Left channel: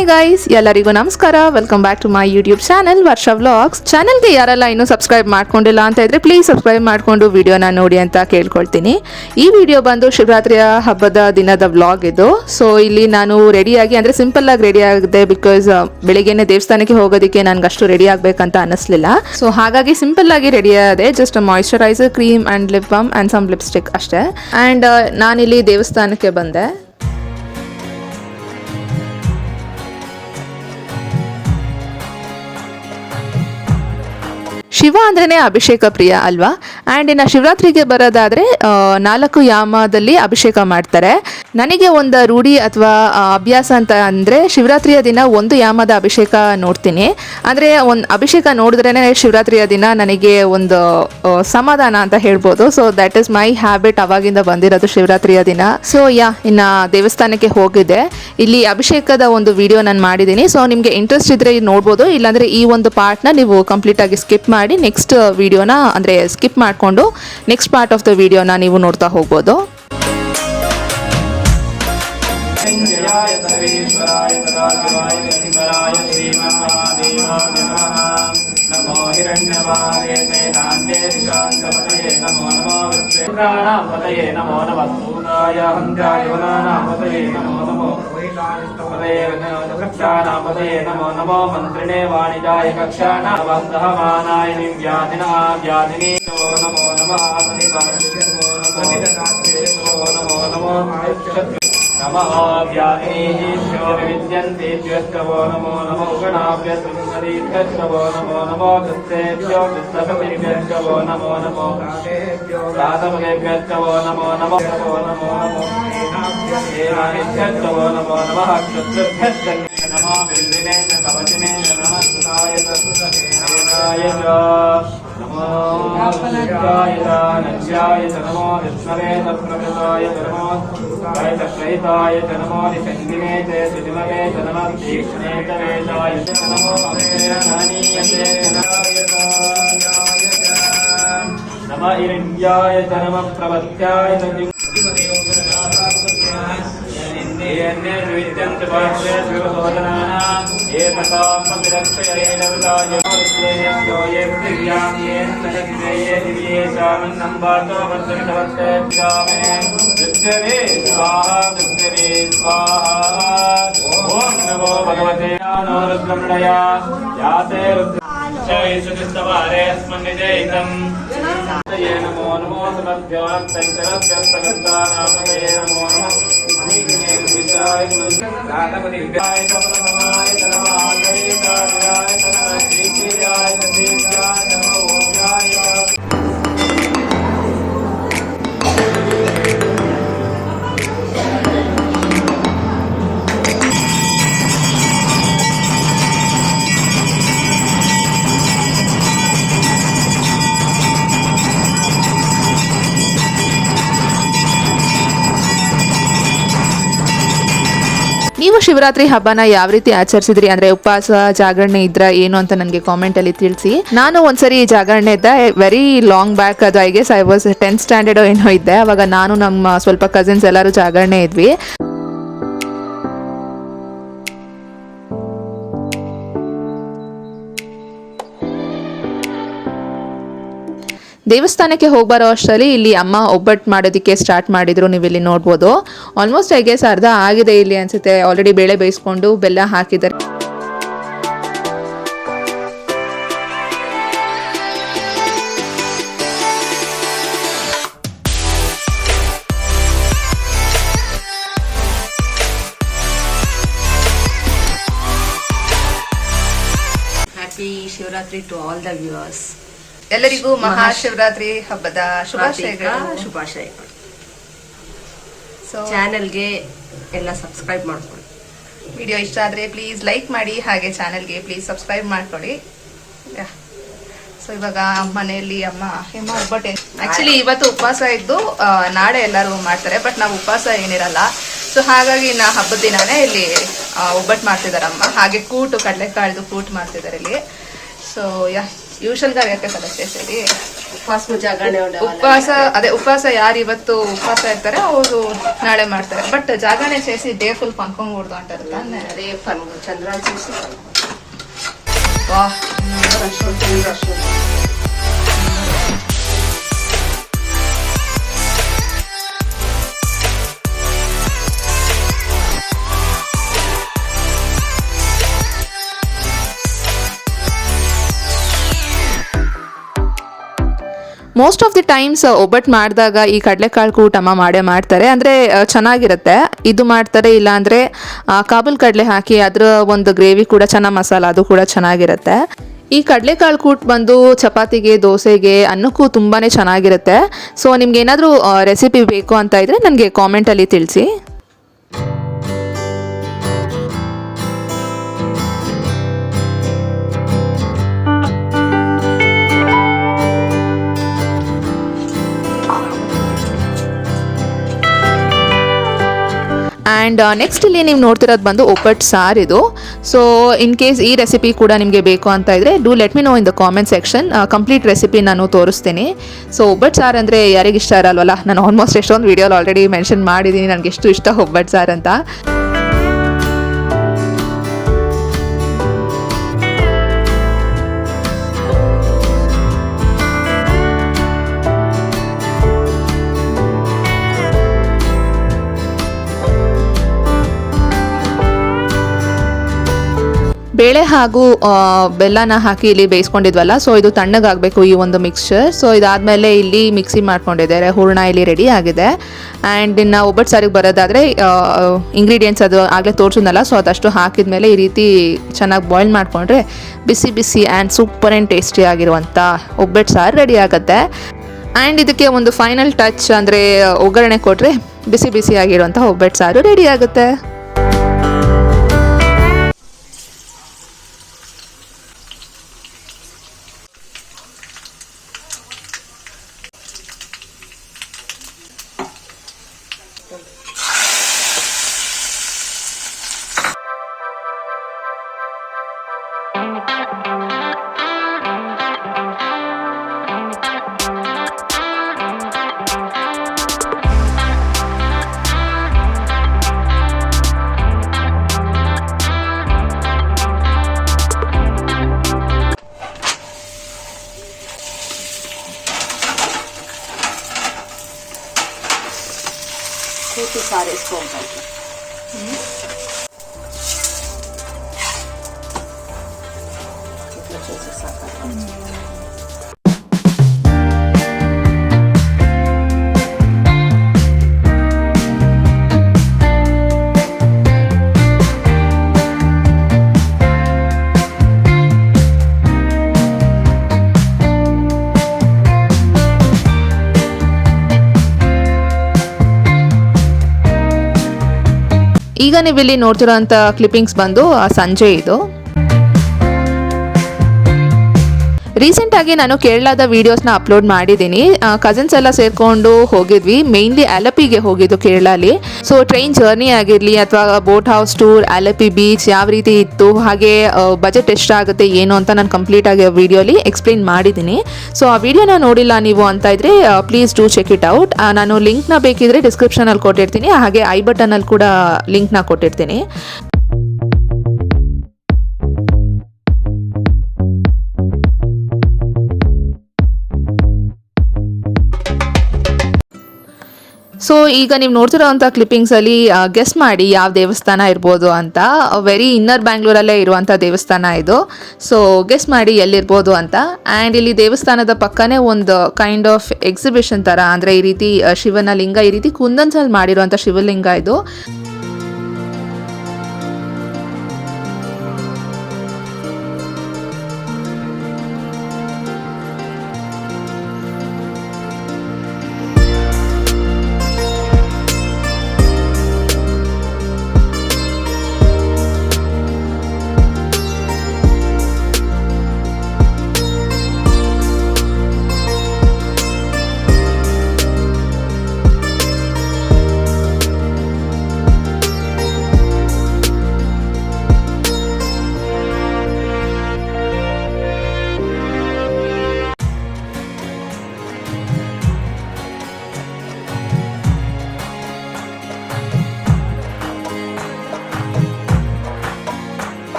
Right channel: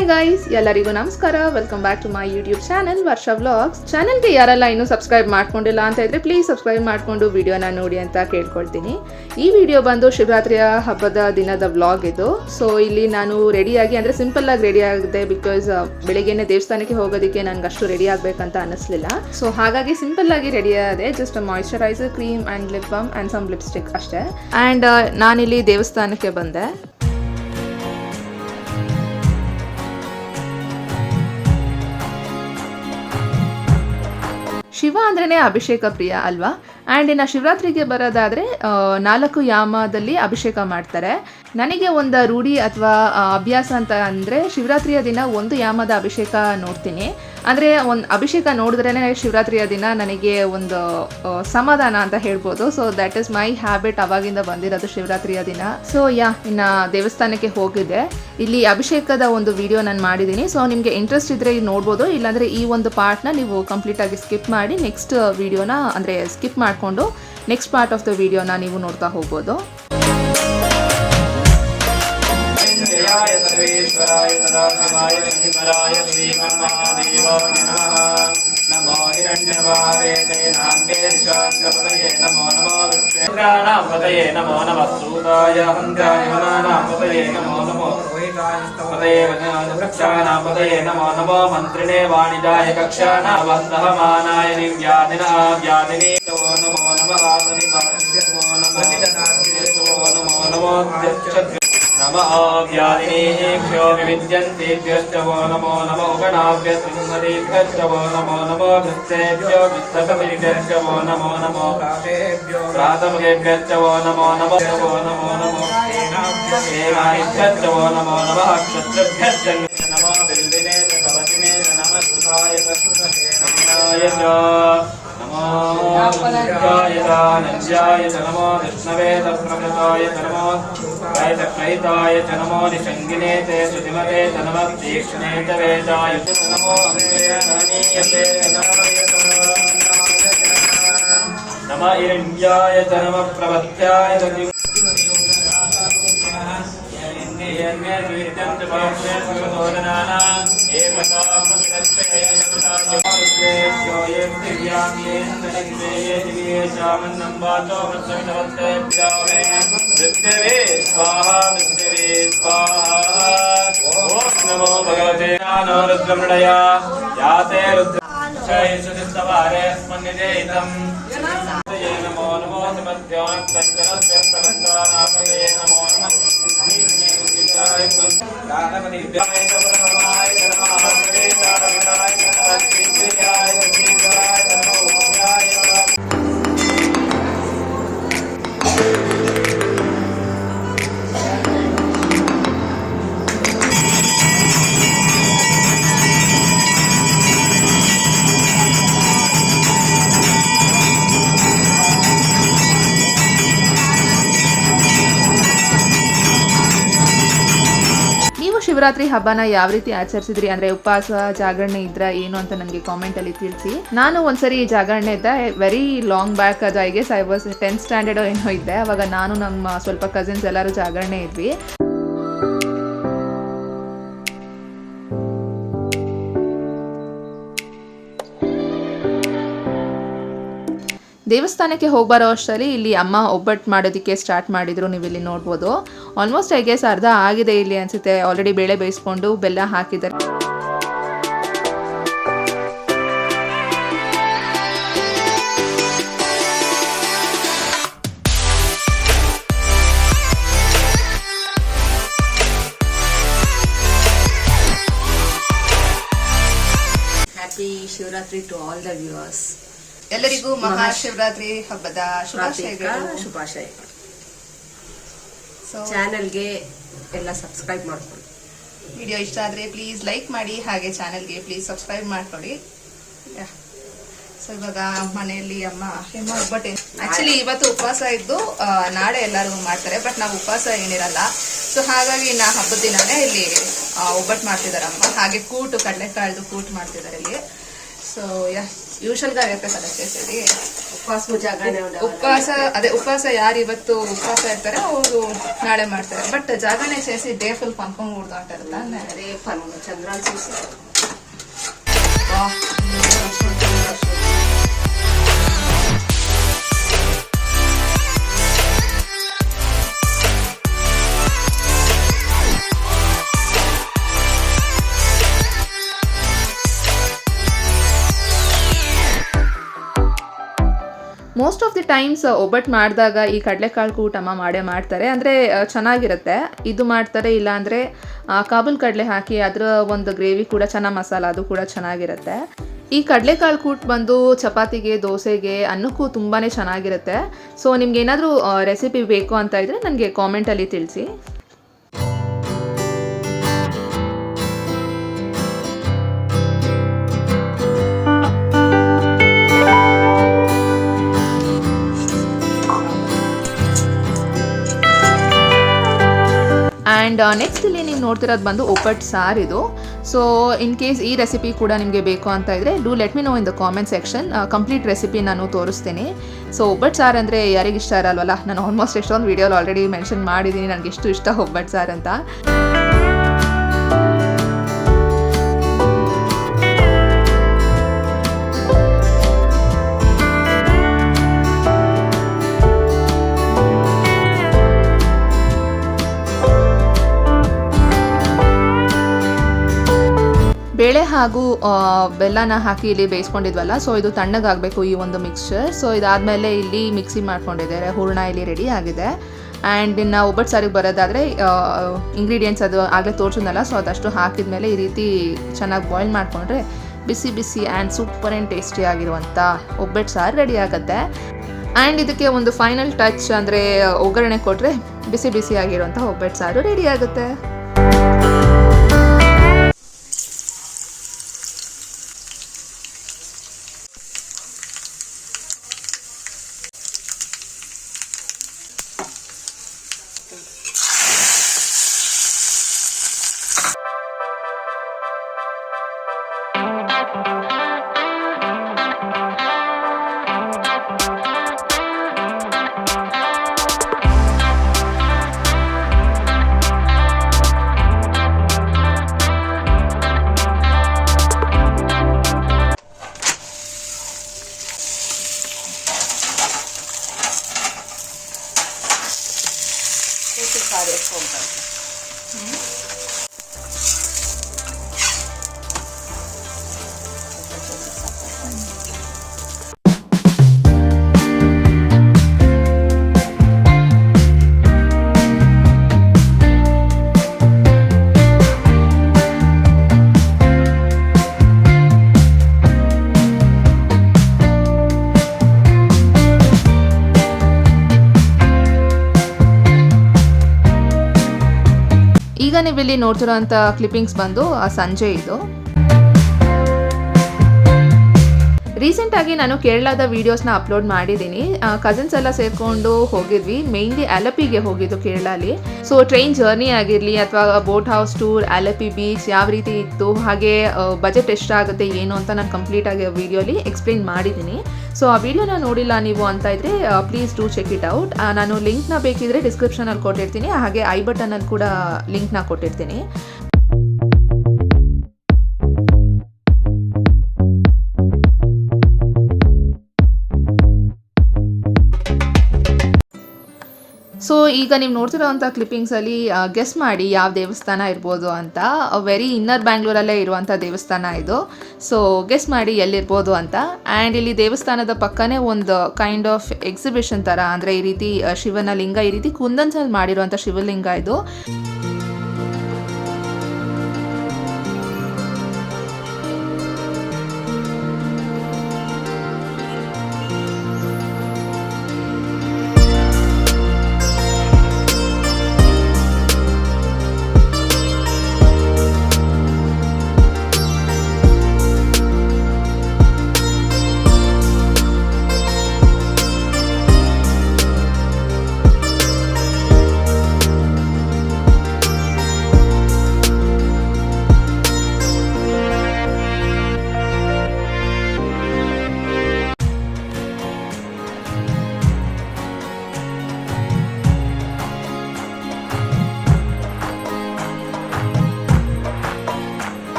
Hi guys, ಎಲ್ಲರಿಗೂ ನಮಸ್ಕಾರ. Welcome back to my YouTube channel Varsha vlogs. ಚಾನಲ್ಗೆ ಯಾರೆಲ್ಲ ಇನ್ನೂ ಸಬ್ಸ್ಕ್ರೈಬ್ ಮಾಡ್ಕೊಂಡಿಲ್ಲ ಅಂತ ಇದ್ರೆ ಪ್ಲೀಸ್ ಸಬ್ಸ್ಕ್ರೈಬ್ ಮಾಡಿಕೊಂಡು ವಿಡಿಯೋನ ನೋಡಿ ಅಂತ ಕೇಳ್ಕೊಳ್ತೀನಿ. ಈ ವಿಡಿಯೋ ಬಂದು ಶಿವರಾತ್ರಿಯ ಹಬ್ಬದ ದಿನದ ವ್ಲಾಗ್ ಇದು. ಸೊ ಇಲ್ಲಿ ನಾನು ರೆಡಿಯಾಗಿ ಅಂದರೆ ಸಿಂಪಲ್ ಆಗಿ ರೆಡಿ ಆಗಿದೆ, ಬಿಕಾಸ್ ಬೆಳಿಗ್ಗೆನೆ ದೇವಸ್ಥಾನಕ್ಕೆ ಹೋಗೋದಕ್ಕೆ ನನಗೆ ಅಷ್ಟು ರೆಡಿ ಆಗಬೇಕಂತ ಅನ್ನಿಸ್ಲಿಲ್ಲ. ಸೊ ಹಾಗಾಗಿ ಸಿಂಪಲ್ ಆಗಿ ರೆಡಿ ಆಗಿದೆ. Just moisturiser, cream and lip balm and some lipstick ಅಷ್ಟೇ. ಆ್ಯಂಡ್ ನಾನಿಲ್ಲಿ ದೇವಸ್ಥಾನಕ್ಕೆ ಬಂದೆ. ಶಿವ ಅಂದ್ರೇ ಅಭಿಷೇಕ ಪ್ರಿಯ ಅಲ್ವಾ. ಆ್ಯಂಡ್ ಇನ್ನು ಶಿವರಾತ್ರಿಗೆ ಬರೋದಾದರೆ 4 ಯಾಮದಲ್ಲಿ ಅಭಿಷೇಕ ಮಾಡ್ತಾರೆ. ನನಗೆ ಒಂದು ರೂಢಿ ಅಥವಾ ಅಭ್ಯಾಸ ಅಂತ ಅಂದರೆ ಶಿವರಾತ್ರಿಯ ದಿನ 1 ಯಾಮದ ಅಭಿಷೇಕ ನೋಡ್ತೀನಿ. ಅಂದರೆ ಒಂದು ಅಭಿಷೇಕ ನೋಡಿದ್ರೇ ಶಿವರಾತ್ರಿಯ ದಿನ ನನಗೆ ಒಂದು ಸಮಾಧಾನ ಅಂತ ಹೇಳ್ಬೋದು. So that is my habit, ಅವಾಗಿಂದ ಬಂದಿರೋದು ಶಿವರಾತ್ರಿಯ ದಿನ. ಸೊ ಇನ್ನು ದೇವಸ್ಥಾನಕ್ಕೆ ಹೋಗಿದ್ದೆ. ಇಲ್ಲಿ ಅಭಿಷೇಕದ ಒಂದು ವಿಡಿಯೋ ನಾನು ಮಾಡಿದ್ದೀನಿ. ಸೊ ನಿಮಗೆ ಇಂಟ್ರೆಸ್ಟ್ ಇದ್ದರೆ ನೋಡ್ಬೋದು, ಇಲ್ಲಾಂದರೆ ಈ ಒಂದು ಪಾರ್ಟ್ನ ನೀವು ಕಂಪ್ಲೀಟಾಗಿ ಸ್ಕಿಪ್ ಮಾಡಿ ನೆಕ್ಸ್ಟ್ ವಿಡಿಯೋನ ಅಂದರೆ ಸ್ಕಿಪ್ ಮಾಡಿಕೊಂಡು ನೆಕ್ಸ್ಟ್ ಪಾರ್ಟ್ ಆಫ್ ದ ವಿಡಿಯೋನ ನೀವು ನೋಡ್ತಾ ಹೋಗ್ಬೋದು. वृक्षानापदये नमो नमो मन्त्रिणे वाणिजाय कक्षानावन्दहमानाय व्याधिनी नमो नमः नमो नमो नमः व्याधिनीभ्यो विविद्यन्तेभ्यश्च वो नमो नमो गणाभ्यश्च वो नमो नमो कृत्तेभ्यो कृत्तकविभ्यश्च वो नमो नमो प्रातभ्यश्च वो नमो नमो नमो सेनाभ्यश्च वो नमो नमः क्षत्रभ्यश्च नमः बिल्विने च कवचिने च नमः सुताय तत्सुतहेनाय च नमो नित्याय च नमो विष्णवे तत्प्रकृताय च नमो वैतक्लयिताय च नमो निषङ्गिने च सुतिमवे च नमः तीक्ष्णे च वेदाय च नमो अभयनीयते नमः हिरण्याय च नमः प्रवत्याय च नमो नमो ನೀವು ಶಿವರಾತ್ರಿ ಹಬ್ಬನ ಯಾವ ರೀತಿ ಆಚರಿಸಿದ್ರಿ, ಅಂದರೆ ಉಪವಾಸ ಜಾಗರಣೆ ಇದ್ರ ಏನು ಅಂತ ನನಗೆ ಕಾಮೆಂಟಲ್ಲಿ ತಿಳಿಸಿ. ನಾನು ಒಂದ್ಸರಿ ಜಾಗರಣೆ ಇದ್ದೆ, ವೆರಿ ಲಾಂಗ್ ಬ್ಯಾಕ್. ಅದು I guess I was 10th standard ಏನೋ ಇದ್ದೆ. ಅವಾಗ ನಾನು ನಮ್ಮ ಸ್ವಲ್ಪ ಕಸಿನ್ಸ್ ಎಲ್ಲರೂ ಜಾಗರಣೆ ಇದ್ವಿ. ದೇವಸ್ಥಾನಕ್ಕೆ ಹೋಗ್ಬಾರೋ ಅಷ್ಟರಲ್ಲಿ ಇಲ್ಲಿ ಅಮ್ಮ ಒಬ್ಬಟ್ಟು ಮಾಡೋದಕ್ಕೆ ಸ್ಟಾರ್ಟ್ ಮಾಡಿದ್ರು. ನೀವು ಇಲ್ಲಿ ನೋಡ್ಬೋದು. ಆಲ್ಮೋಸ್ಟ್ ಐ ಗೆಸ್ ಅರ್ಧ ಆಗಿದೆ ಇಲ್ಲಿ ಅನ್ಸುತ್ತೆ. ಆಲ್ರೆಡಿ ಬೇಳೆ ಬೇಯಿಸ್ಕೊಂಡು ಬೆಲ್ಲ ಹಾಕಿದ್ದಾರೆ. Happy Shivaratri to all the viewers. ಎಲ್ಲರಿಗೂ ಮಹಾಶಿವರಾತ್ರಿ ಹಬ್ಬದ ಶುಭಾಶಯಗಳು. ಸೊ ಚಾನೆಲ್ಗೆ ಎಲ್ಲ ಸಬ್ಸ್ಕ್ರೈಬ್ ಮಾಡ್ಕೊಳ್ಳಿ. ವಿಡಿಯೋ ಇಷ್ಟ ಆದರೆ ಪ್ಲೀಸ್ ಲೈಕ್ ಮಾಡಿ, ಹಾಗೆ ಚಾನೆಲ್ಗೆ ಪ್ಲೀಸ್ ಸಬ್ಸ್ಕ್ರೈಬ್ ಮಾಡ್ಕೊಳ್ಳಿ. ಸೊ ಇವಾಗ ಮನೆಯಲ್ಲಿ ಅಮ್ಮ ಒಬ್ಬಟ್ಟೆ, ಆಕ್ಚುಲಿ ಇವತ್ತು ಉಪವಾಸ ಇದ್ದು ನಾಳೆ ಎಲ್ಲರೂ ಮಾಡ್ತಾರೆ, ಬಟ್ ನಾವು ಉಪವಾಸ ಏನಿರಲ್ಲ. ಸೊ ಹಾಗಾಗಿ ಹಬ್ಬದ ದಿನಾನೇ ಇಲ್ಲಿ ಒಬ್ಬಟ್ಟು ಮಾಡ್ತಿದ್ದಾರೆ ಅಮ್ಮ. ಹಾಗೆ ಕೂಟು, ಕಡಲೆಕಾಳ್ದು ಕೂಟು ಮಾಡ್ತಿದ್ದಾರೆ ಇಲ್ಲಿ. సో యా యూజువల్గా కదా చేసేది ಉಪವಾಸ ಜಾಗರಣೆ ಉಪವಾಸ ಯಾರು ಇವತ್ತು ಉಪವಾಸ ಇರ್ತಾರೆ ಅವರು ನಾಳೆ ಮಾಡ್ತಾರೆ. ಬಟ್ ಜಾಗರಣೆ చేసి డే ఫుల్ పనుకోకూడదు అంటారಲ್ಲ. ಅದೇ ಚಂದ್ರಾನ್ చూసి వా ಮೋಸ್ಟ್ ಆಫ್ ದಿ ಟೈಮ್ಸ್ ಒಬ್ಬಟ್ಟು ಮಾಡಿದಾಗ ಈ ಕಡಲೆಕಾಳು ಕೂಟ ಅಮ್ಮ ಮಾಡೇ ಮಾಡ್ತಾರೆ. ಅಂದರೆ ಚೆನ್ನಾಗಿರುತ್ತೆ. ಇದು ಮಾಡ್ತಾರೆ, ಇಲ್ಲಾಂದರೆ ಕಾಬೂಲ್ ಕಡಲೆ ಹಾಕಿ ಅದರ ಒಂದು ಗ್ರೇವಿ ಕೂಡ ಚೆನ್ನಾಗಿ ಮಸಾಲ, ಅದು ಕೂಡ ಚೆನ್ನಾಗಿರುತ್ತೆ. ಈ ಕಡಲೆಕಾಳು ಕೂಟ್ ಬಂದು ಚಪಾತಿಗೆ, ದೋಸೆಗೆ, ಅನ್ನಕ್ಕೂ ತುಂಬಾ ಚೆನ್ನಾಗಿರುತ್ತೆ. ಸೊ ನಿಮ್ಗೆ ಏನಾದರೂ ರೆಸಿಪಿ ಬೇಕು ಅಂತ ಇದ್ದರೆ ನನಗೆ ಕಾಮೆಂಟಲ್ಲಿ ತಿಳಿಸಿ. ಆ್ಯಂಡ್ ನೆಕ್ಸ್ಟ್ ಇಲ್ಲಿ ನೀವು ನೋಡ್ತಿರೋದು ಬಂದು ಒಬ್ಬಟ್ಟು ಸಾರು ಇದು. ಸೊ ಇನ್ ಕೇಸ್ ಈ ರೆಸಿಪಿ ಕೂಡ ನಿಮಗೆ ಬೇಕು ಅಂತ ಇದ್ದರೆ do let me no in the comment section. Complete recipe ನಾನು ತೋರಿಸ್ತೀನಿ. ಸೊ ಒಬ್ಬಟ್ಟು ಸಾರು ಅಂದರೆ ಯಾರಿಗೆ ಇಷ್ಟ ಇರಲ್ವಲ್ಲ. ನಾನು ಆಲ್ಮೋಸ್ಟ್ ಎಷ್ಟೊಂದು ವೀಡಿಯೋಲಿ ಆಲ್ರೆಡಿ ಮೆನ್ಷನ್ ಮಾಡಿದ್ದೀನಿ ನನಗೆ ಎಷ್ಟು ಇಷ್ಟ ಒಬ್ಬಟ್ಟು ಸಾರು ಅಂತ. ಬೇಳೆ ಹಾಗೂ ಬೆಲ್ಲನ ಹಾಕಿ ಇಲ್ಲಿ ಬೇಯಿಸ್ಕೊಂಡಿದ್ವಲ್ಲ, ಸೊ ಇದು ತಣ್ಣಗಾಗಬೇಕು ಈ ಒಂದು ಮಿಕ್ಸ್ಚರ್. ಸೊ ಇದಾದಮೇಲೆ ಇಲ್ಲಿ ಮಿಕ್ಸಿ ಮಾಡ್ಕೊಂಡಿದ್ದಾರೆ, ಹೂರಣ ಇಲ್ಲಿ ರೆಡಿ ಆಗಿದೆ. ಆ್ಯಂಡ್ ಇನ್ನು ಒಬ್ಬಟ್ಟು ಸಾರಿಗೆ ಬರೋದಾದರೆ ಇಂಗ್ರೀಡಿಯೆಂಟ್ಸ್ ಅದು ಆಗಲೇ ತೋರಿಸಿದ್ನಲ್ಲ, ಸೊ ಅದಷ್ಟು ಹಾಕಿದ್ಮೇಲೆ ಈ ರೀತಿ ಚೆನ್ನಾಗಿ ಬಾಯ್ಲ್ ಮಾಡಿಕೊಂಡ್ರೆ ಬಿಸಿ ಬಿಸಿ ಆ್ಯಂಡ್ ಸೂಪರ್ ಆ್ಯಂಡ್ ಟೇಸ್ಟಿ ಆಗಿರುವಂಥ ಒಬ್ಬಟ್ಟು ಸಾರು ರೆಡಿ ಆಗುತ್ತೆ. ಆ್ಯಂಡ್ ಇದಕ್ಕೆ ಒಂದು ಫೈನಲ್ ಟಚ್ ಅಂದರೆ ಒಗ್ಗರಣೆ ಕೊಟ್ಟರೆ ಬಿಸಿ ಬಿಸಿ ಆಗಿರುವಂಥ ಒಬ್ಬಟ್ಟು ಸಾರು ರೆಡಿ ಆಗುತ್ತೆ. ಕೂತು ಸಾರು ಎತ್ಕೊಂಡ್ಬಾರ್ದು. ಈಗ ನೀವಿಲ್ಲಿ ನೋಡ್ತಿರೋಂಥ ಕ್ಲಿಪ್ಪಿಂಗ್ಸ್ ಬಂದು ಸಂಜೆ ಇದು. ರೀಸೆಂಟಾಗಿ ನಾನು ಕೇರಳದ ವೀಡಿಯೋಸ್ನ ಅಪ್ಲೋಡ್ ಮಾಡಿದ್ದೀನಿ. ಕಸಿನ್ಸ್ ಎಲ್ಲ ಸೇರಿಕೊಂಡು ಹೋಗಿದ್ವಿ. ಮೇಯ್ನ್ಲಿ ಆಲಪಿಗೆ ಹೋಗಿದ್ದು ಕೇರಳಲ್ಲಿ. ಸೊ ಟ್ರೈನ್ ಜರ್ನಿ ಆಗಿರಲಿ ಅಥವಾ ಬೋಟ್ ಹೌಸ್ ಟೂರ್, ಆಲಪಿ ಬೀಚ್ ಯಾವ ರೀತಿ ಇತ್ತು, ಹಾಗೆ ಬಜೆಟ್ ಎಷ್ಟಾಗುತ್ತೆ ಏನು ಅಂತ ನಾನು ಕಂಪ್ಲೀಟಾಗಿ ವೀಡಿಯೋಲಿ ಎಕ್ಸ್ಪ್ಲೇನ್ ಮಾಡಿದ್ದೀನಿ. ಸೊ ಆ ವಿಡಿಯೋನ ನೋಡಿಲ್ಲ ನೀವು ಅಂತ ಇದ್ದರೆ please do check it out. ನಾನು ಲಿಂಕ್ನ ಬೇಕಿದ್ರೆ ಡಿಸ್ಕ್ರಿಪ್ಷನಲ್ಲಿ ಕೊಟ್ಟಿರ್ತೀನಿ, ಹಾಗೆ ಐ ಬಟನಲ್ಲಿ ಕೂಡ ಲಿಂಕ್ನ ಕೊಟ್ಟಿರ್ತೀನಿ. ಸೊ ಈಗ ನೀವು ನೋಡ್ತಿರೋವಂಥ ಕ್ಲಿಪ್ಪಿಂಗ್ಸಲ್ಲಿ ಗೆಸ್ ಮಾಡಿ ಯಾವ ದೇವಸ್ಥಾನ ಇರ್ಬೋದು ಅಂತ. ವೆರಿ ಇನ್ನರ್ ಬ್ಯಾಂಗ್ಳೂರಲ್ಲೇ ಇರುವಂಥ ದೇವಸ್ಥಾನ ಇದು. ಸೊ ಗೆಸ್ ಮಾಡಿ ಎಲ್ಲಿರ್ಬೋದು ಅಂತ. ಆ್ಯಂಡ್ ಇಲ್ಲಿ ದೇವಸ್ಥಾನದ ಪಕ್ಕನೇ ಒಂದು ಕೈಂಡ್ ಆಫ್ ಎಕ್ಸಿಬಿಷನ್ ಥರ, ಅಂದರೆ ಈ ರೀತಿ ಶಿವನ ಲಿಂಗ, ಈ ರೀತಿ ಕುಂದನ್ಸಲ್ಲಿ ಮಾಡಿರುವಂಥ ಶಿವಲಿಂಗ ಇದು.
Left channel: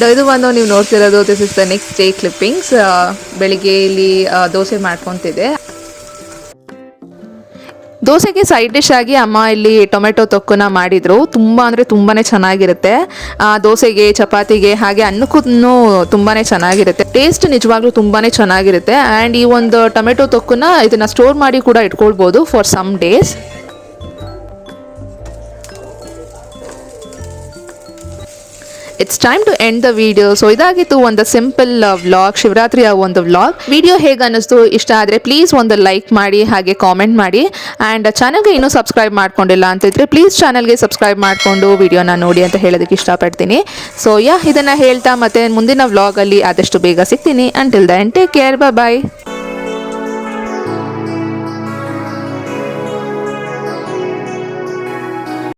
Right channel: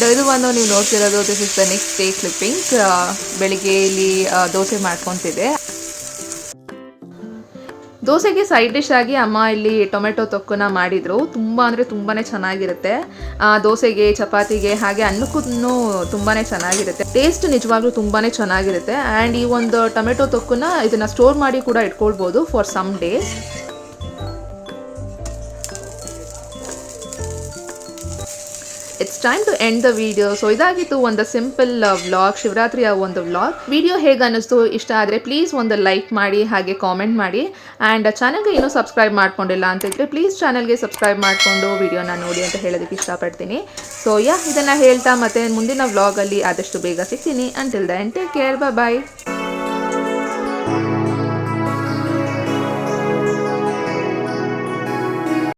ಆ್ಯಂಡ್ ಇದು ಬಂದು ನೀವು ನೋಡ್ತಿರೋದು this is the next day clippings. ಬೆಳಿಗ್ಗೆ ಇಲ್ಲಿ ದೋಸೆ ಮಾಡ್ಕೊತಿದ್ದೆ. ದೋಸೆಗೆ ಸೈಡ್ ಡಿಶ್ ಆಗಿ ಅಮ್ಮ ಇಲ್ಲಿ ಟೊಮೆಟೊ ತೊಕ್ಕನ್ನ ಮಾಡಿದರು. ತುಂಬ ಅಂದರೆ ತುಂಬಾ ಚೆನ್ನಾಗಿರುತ್ತೆ. ದೋಸೆಗೆ, ಚಪಾತಿಗೆ, ಹಾಗೆ ಅನ್ನಕ್ಕೂ ತುಂಬಾ ಚೆನ್ನಾಗಿರುತ್ತೆ. ಟೇಸ್ಟ್ ನಿಜವಾಗ್ಲೂ ತುಂಬಾ ಚೆನ್ನಾಗಿರುತ್ತೆ. ಆ್ಯಂಡ್ ಈ ಒಂದು ಟೊಮೆಟೊ ತೊಕ್ಕನ್ನ ಇದನ್ನು ಸ್ಟೋರ್ ಮಾಡಿ ಕೂಡ ಇಟ್ಕೊಳ್ಬೋದು for some days. It's time to end the video. So ಇದಾಗಿತ್ತು ಒಂದು ಸಿಂಪಲ್ ವ್ಲಾಗ್, ಶಿವರಾತ್ರಿಯ ಒಂದು ವ್ಲಾಗ್. ವಿಡಿಯೋ ಹೇಗೆ ಅನ್ನಿಸ್ತು, ಇಷ್ಟ ಆದರೆ ಪ್ಲೀಸ್ ಒಂದು ಲೈಕ್ ಮಾಡಿ, ಹಾಗೆ ಕಾಮೆಂಟ್ ಮಾಡಿ. ಆ್ಯಂಡ್ ಚಾನಲ್ಗೆ ಇನ್ನೂ ಸಬ್ಸ್ಕ್ರೈಬ್ ಮಾಡ್ಕೊಂಡಿಲ್ಲ ಅಂತಿದ್ರೆ ಪ್ಲೀಸ್ ಚಾನಲ್ಗೆ ಸಬ್ಸ್ಕ್ರೈಬ್ ಮಾಡಿಕೊಂಡು ವಿಡಿಯೋನ ನೋಡಿ ಅಂತ ಹೇಳೋದಕ್ಕೆ ಇಷ್ಟಪಡ್ತೀನಿ. ಸೊ ಇದನ್ನು ಹೇಳ್ತಾ ಮತ್ತೆ ಮುಂದಿನ ವ್ಲಾಗಲ್ಲಿ ಆದಷ್ಟು ಬೇಗ ಸಿಗ್ತೀನಿ. ಅಂಟಿಲ್ ದೆನ್ ಟೇಕ್ ಕೇರ್, ಬಾಯ್.